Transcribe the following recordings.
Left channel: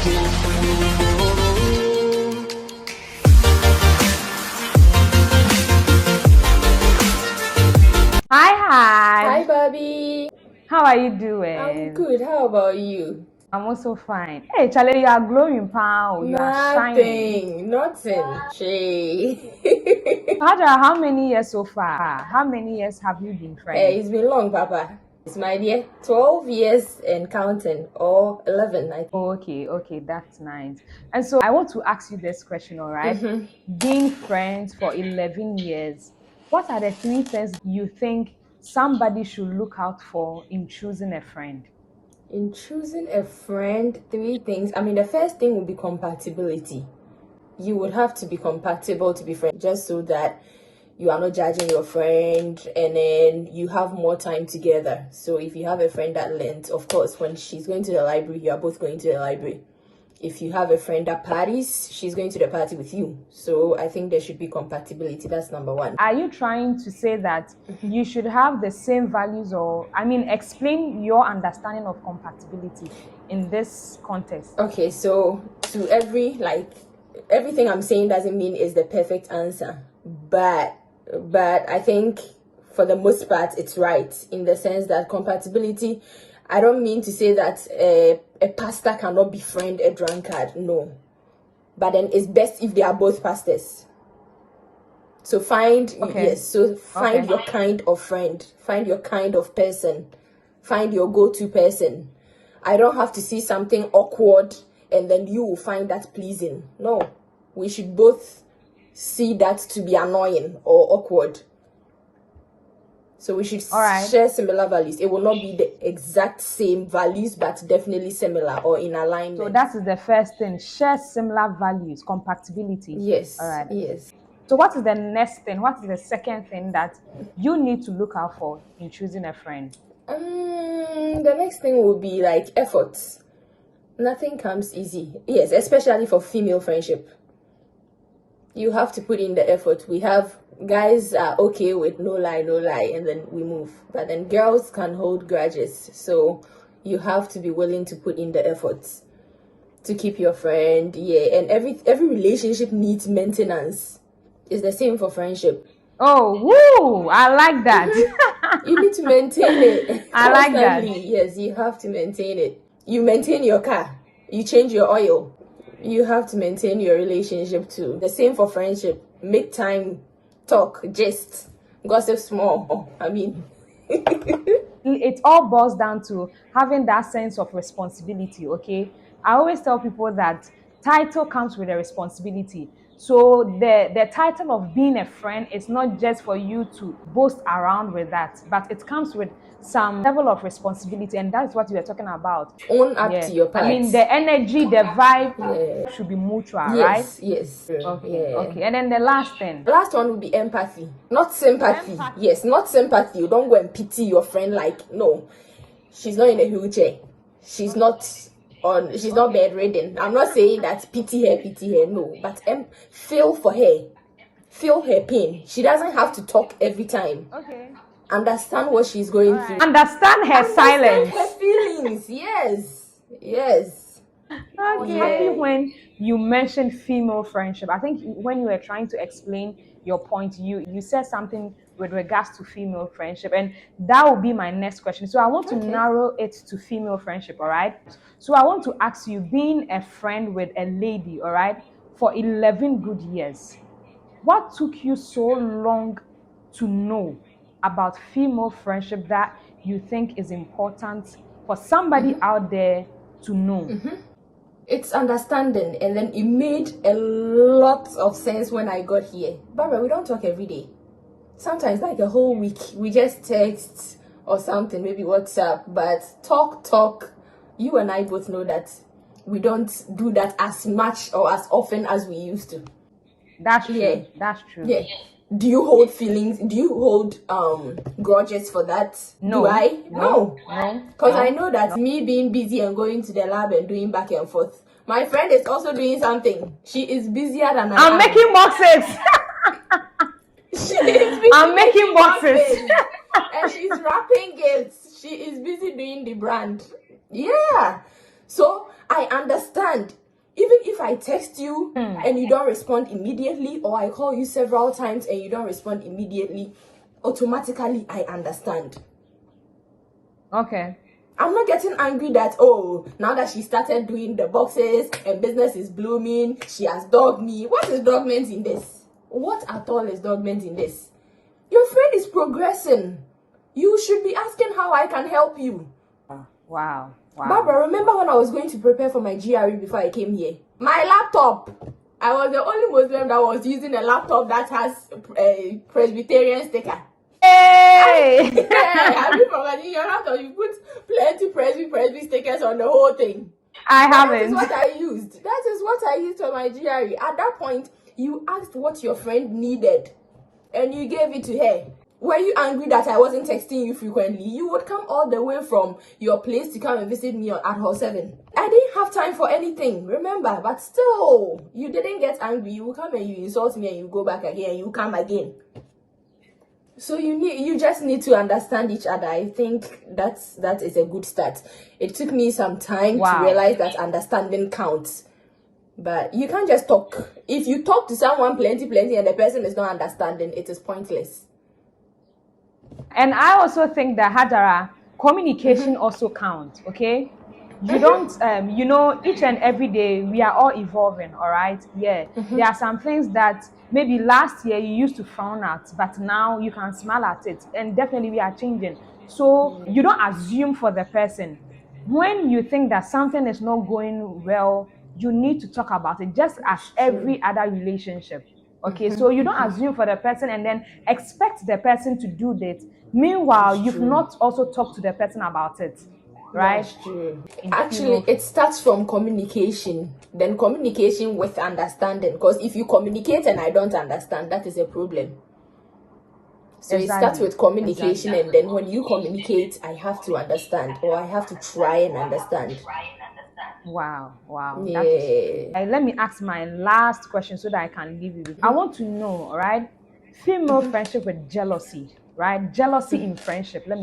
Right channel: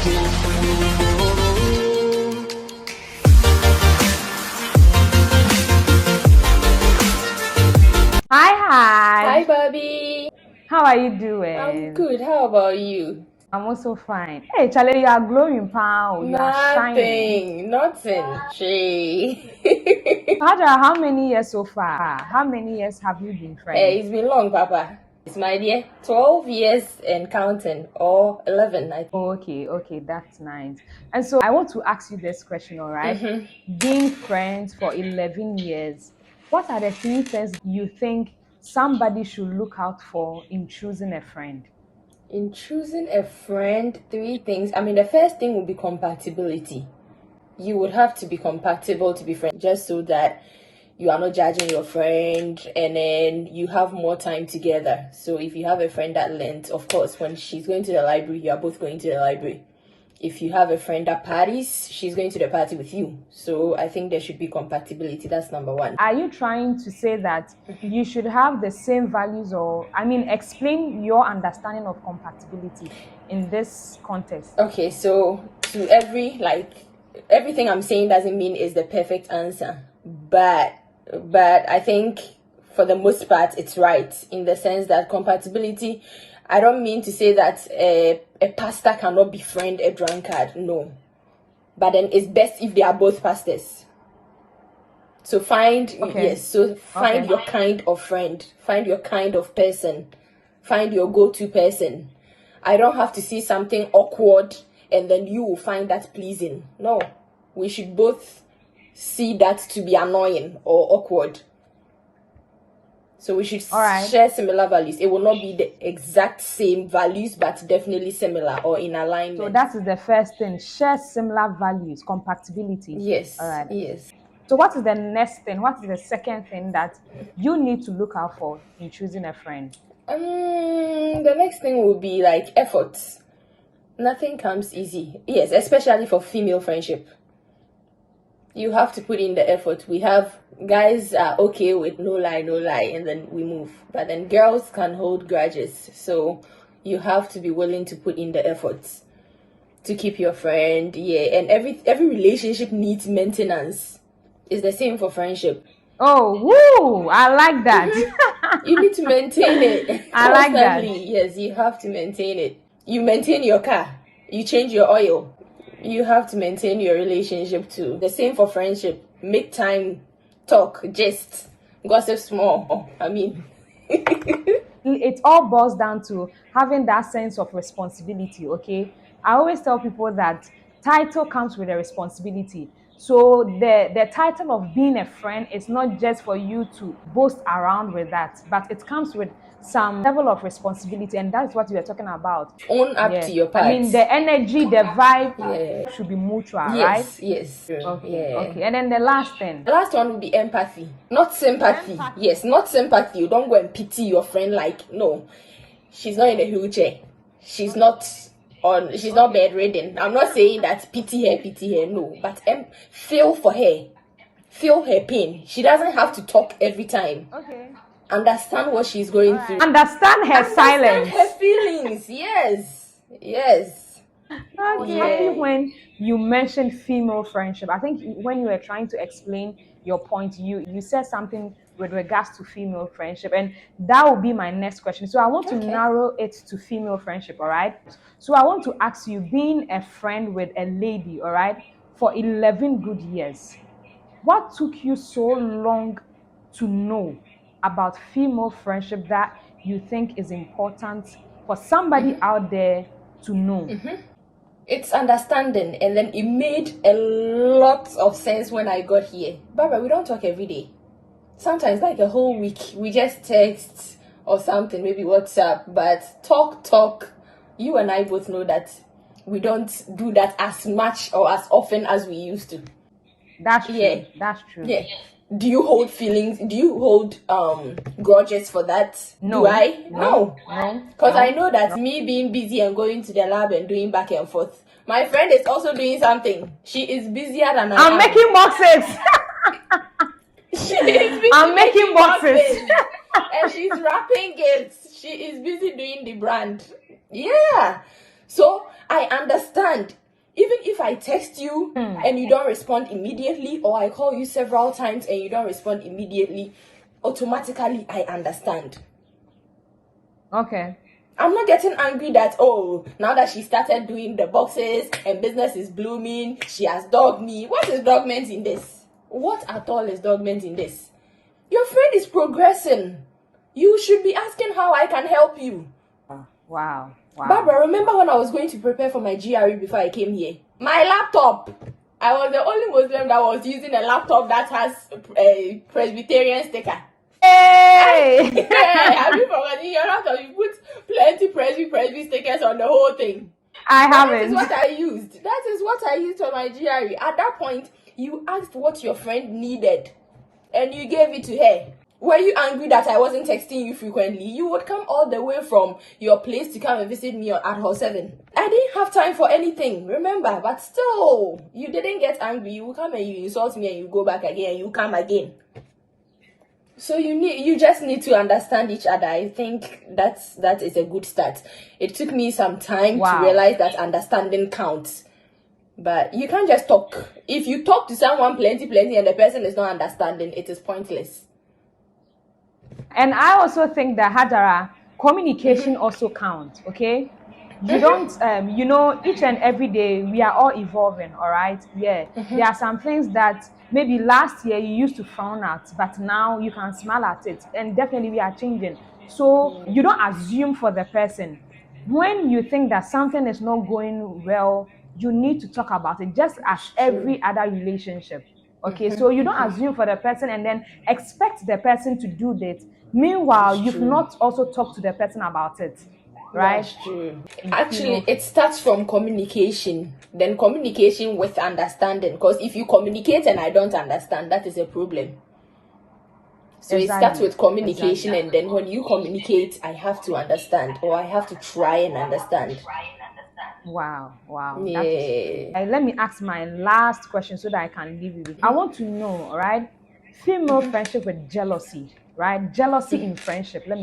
Hi, Hi, Haj. Bobby. How are you I'm doing? good. How about you? I'm also fine. Hey, Charlie, you are glowing, pal. You are shining. Nothing. Shay. Hajara, how many years so far? How many years have you been Hey, friends? it's been long, Papa. It's my dear. 12 years and counting, or 11, I think. Oh, okay, that's nice. And so I want to ask you this question, all right? Mm-hmm. Being friends for 11 years, what are the three things you think somebody should look out for in choosing a friend? In choosing a friend, three things. I mean, the first thing would be compatibility. You would have to be compatible to be friends, just so that you are not judging your friend and then you have more time together. So if you have a friend that lends, of course, when she's going to the library, you are both going to the library. If you have a friend that parties, she's going to the party with you. So I think there should be compatibility. That's number one. Are you trying to say that you should have the same values, or, I mean, explain your understanding of compatibility in this context? Okay, so to everything I'm saying doesn't mean is the perfect answer, but I think for the most part it's right in the sense that compatibility. I don't mean to say that a pastor cannot befriend a drunkard. No, but then it's best if they are both pastors. So find Okay. find your kind of friend, find your kind of person, find your go-to person. I don't have to see something awkward and then you will find that pleasing. No, we should both see that to be annoying or awkward. So we should All right. share similar values. It will not be the exact same values, but definitely similar or in alignment. So that is the first thing. Share similar values, compatibility. Yes. All right. Yes. So what is the next thing? What is the second thing that you need to look out for in choosing a friend? The next thing will be like efforts. Nothing comes easy. Yes, especially for female friendship. You have to put in the effort. We have guys are okay with no lie, and then we move. But then girls can hold grudges. So you have to be willing to put in the efforts to keep your friend. Yeah, and every relationship needs maintenance. It's the same for friendship. Oh, woo! I like that. You need to maintain it I like that. constantly. Yes, you have to maintain it. You maintain your car. You change your oil. You have to maintain your relationship too. The same for friendship. Make time, talk, gist, gossip small. I mean, It all boils down to having that sense of responsibility. Okay, I always tell people that title comes with a responsibility. So the title of being a friend is not just for you to boast around with that, but it comes with some level of responsibility, and that's what we are talking about. own up Yeah, to your I mean, parts. the energy, the vibe Yeah. should be mutual, right? Yes. Okay, Yeah. okay. And then the last thing. The last one would be empathy, not sympathy. Yes, not sympathy. You don't go and pity your friend like, no, she's not in a wheelchair. She's not she's not bedridden. I'm not saying that pity her, no. But feel for her. Feel her pain. She doesn't have to talk every time. Okay. Understand what she's going through. Understand her Understand silence. her feelings. Yes. I was happy when you mentioned female friendship. I think when you were trying to explain your point, you said something with regards to female friendship, and that will be my next question. So I want to narrow it to female friendship, all right? So I want to ask you, being a friend with a lady, all right, for 11 good years, what took you so long to know about female friendship that you think is important for somebody out there to know? It's understanding, and then it made a lot of sense when I got here. Barbara, we don't talk every day. Sometimes like a whole week we just text or something, maybe WhatsApp, but talk. You and I both know that we don't do that as much or as often as we used to. That's true. Yeah. That's true. Yeah. Do you hold feelings? Do you hold grudges for that? No. Do I? No. Because I know that me being busy and going to the lab and doing back and forth, my friend is also doing something. She is busier than I am. I'm making boxes. I'm making boxes. And she's wrapping gifts. She is busy doing the brand. Yeah. So I understand. Even if I text you and you don't respond immediately, or I call you several times and you don't respond immediately, automatically I understand. Okay. I'm not getting angry that, oh, now that she started doing the boxes and business is blooming, she has dogged me. What is dog meant in this? What at all is dog meant in this? Your friend is progressing. You should be asking how I can help you. Wow. Barbara, remember when I was going to prepare for my GRE before I came here? My laptop. I was the only Muslim that was using a laptop that has a Presbyterian sticker. Hey! Yeah, have you forgotten your laptop? You put plenty Presby stickers on the whole thing. I That is haven't. what I used. That is what I used for my GRE. At that point, you asked what your friend needed and you gave it to her. Were you angry that I wasn't texting you frequently? You would come all the way from your place to come and visit me at Hall 7. I didn't have time for anything, remember? But still, you didn't get angry. You come and you insult me and you go back again and you come again. So you just need to understand each other. I think that is a good start. It took me some time to realize that understanding counts. But you can't just talk. If you talk to someone plenty and the person is not understanding, it is pointless. And I also think that, Hajara, communication also counts, okay? You don't, each and every day we are all evolving, all right? Yeah. There are some things that maybe last year you used to frown at, but now you can smile at it. And definitely we are changing. So you don't assume for the person. When you think that something is not going well, you need to talk about it, just as every other relationship. Okay, so you don't assume for the person and then expect the person to do that. Meanwhile, you've not also talked to the person about it, right? That's true. Actually, it starts from communication, then communication with understanding. Because if you communicate and I don't understand, that is a problem. So it starts with communication, and then when you communicate, I have to understand, or I have to try and understand. Wow. Yeah. Let me ask my last question so that I can leave you with. I want to know, all right, female friendship with jealousy, right? Jealousy in friendship. Let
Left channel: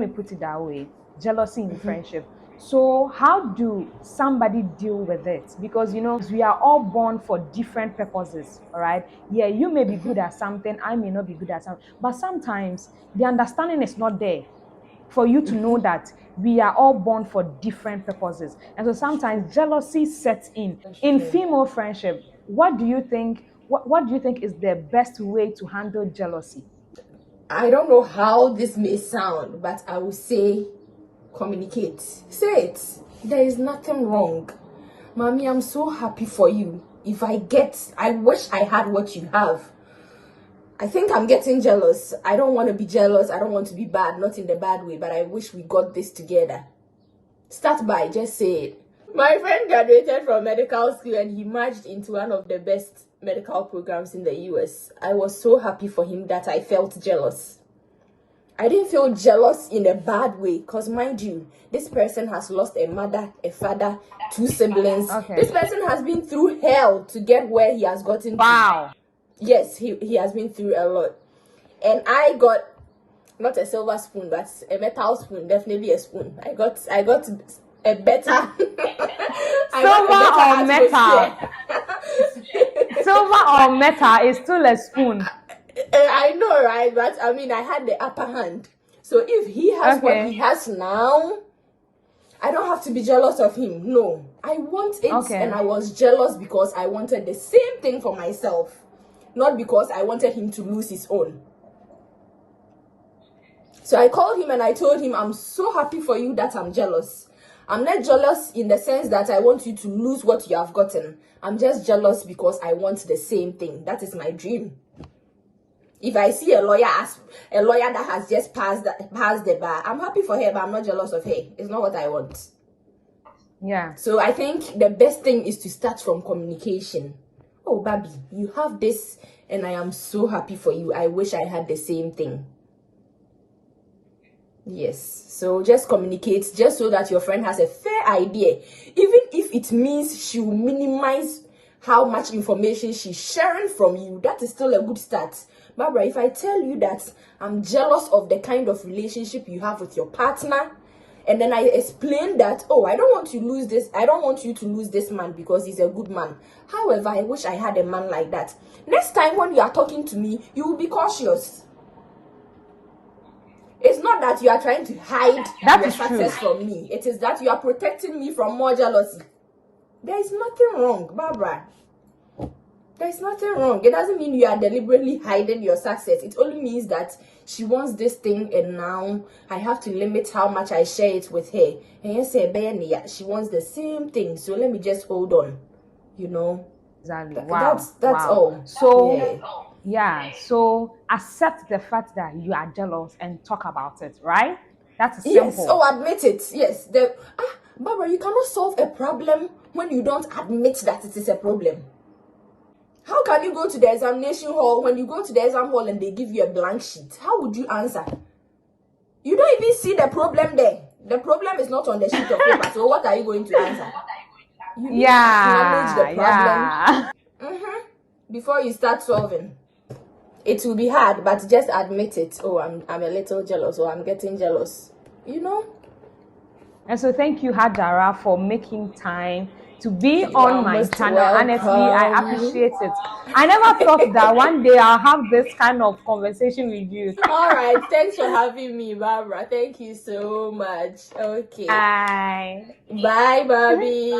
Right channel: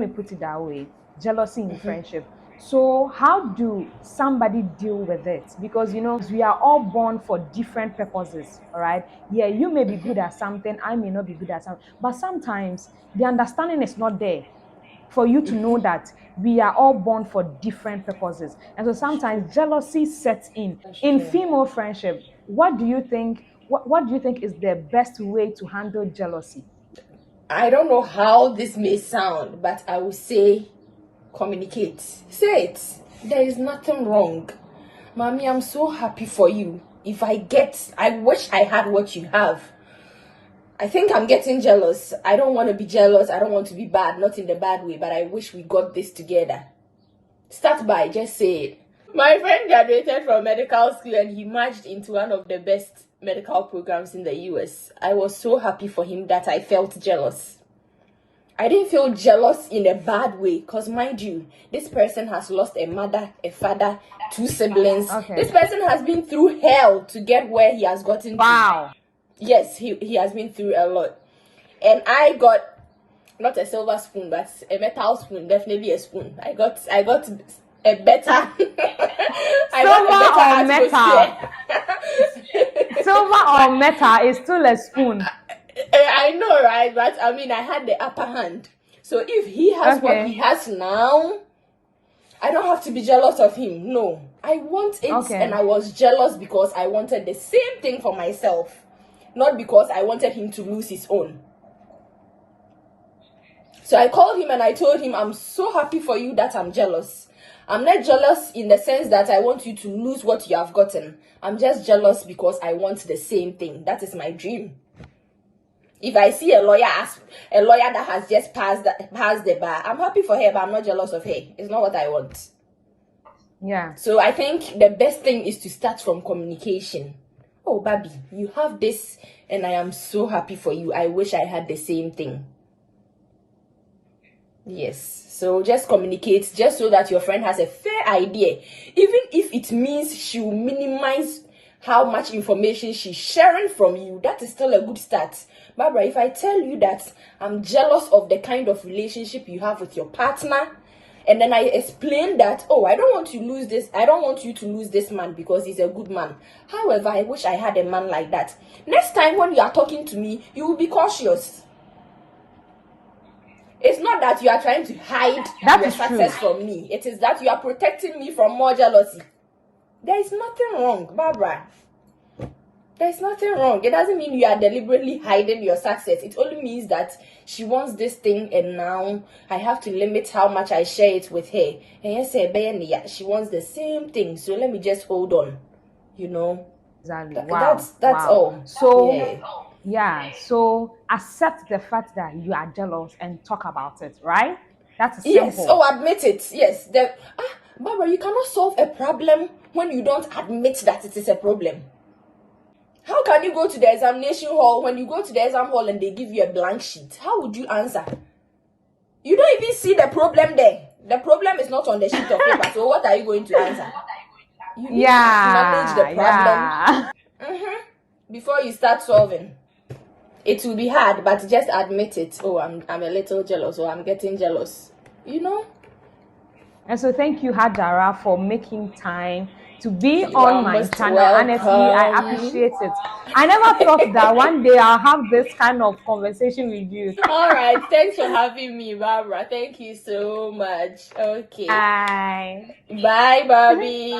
me put it that way. Jealousy in friendship. So how do somebody deal with it? Because we are all born for different purposes, all right? Yeah, you may be good at something, I may not be good at something, but sometimes the understanding is not there for you to know that we are all born for different purposes. And so sometimes jealousy sets in female friendship. What do you think? What do you think is the best way to handle jealousy? I don't know how this may sound, but I will say communicate. Say it. There is nothing wrong. Mommy, I'm so happy for you. I wish I had what you have. I think I'm getting jealous. I don't want to be jealous. I don't want to be bad, not in the bad way, but I wish we got this together. Start by just say it. My friend graduated from medical school and he merged into one of the best medical programs in the US. I was so happy for him that I felt jealous. I didn't feel jealous in a bad way because, mind you, this person has lost a mother, a father, 2 siblings. Okay. This person has been through hell to get where he has gotten Wow. to. Yes, he has been through a lot. And I got not a silver spoon, but a metal spoon, definitely a spoon. I got a better silver or metal. Silver or metal is still a spoon. I know, right? But I mean, I had the upper hand. So if he has what he has now, I don't have to be jealous of him. No, I want it, and I was jealous because I wanted the same thing for myself, not because I wanted him to lose his own. So I called him and I told him, I'm so happy for you that I'm jealous. I'm not jealous in the sense that I want you to lose what you have gotten. I'm just jealous because I want the same thing. That is my dream. If I see a lawyer that has just passed the bar, I'm happy for her, but I'm not jealous of her. It's not what I want. Yeah. So I think the best thing is to start from communication. Oh, Baby, you have this, and I am so happy for you. I wish I had the same thing. Yes. So just communicate, just so that your friend has a fair idea. Even if it means she will minimize how much information she's sharing from you, that is still a good start. Barbara, if I tell you that I'm jealous of the kind of relationship you have with your partner, And then I explained that, oh, I don't want you to lose this man because he's a good man. However, I wish I had a man like that. Next time when you are talking to me, you will be cautious. It's not that you are trying to hide your success from me. It is that you are protecting me from more jealousy. There is nothing wrong, Barbara. There's nothing wrong. It doesn't mean you are deliberately hiding your success. It only means that she wants this thing and now I have to limit how much I share it with her. And you say, she wants the same thing. So let me just hold on. You know? Exactly. Wow. That's all. So so accept the fact that you are jealous and talk about it, right? That's simple. Yes. Oh, admit it. Yes. Barbara, you cannot solve a problem when you don't admit that it is a problem. How can you go to the examination hall when you go to the exam hall and they give you a blank sheet? How would you answer? You don't even see the problem there. The problem is not on the sheet of paper. So what are you going to answer? You need to acknowledge the problem before you start solving. It will be hard, but just admit it. Oh, I'm a little jealous, or I'm getting jealous. You know? And so thank you, Hajara, for making time to be on my channel. Welcome. Honestly, I appreciate it. I never thought that one day I'll have this kind of conversation with you. All right. Thanks for having me, Barbara. Thank you so much. Okay. Bye. Bye, Barbie.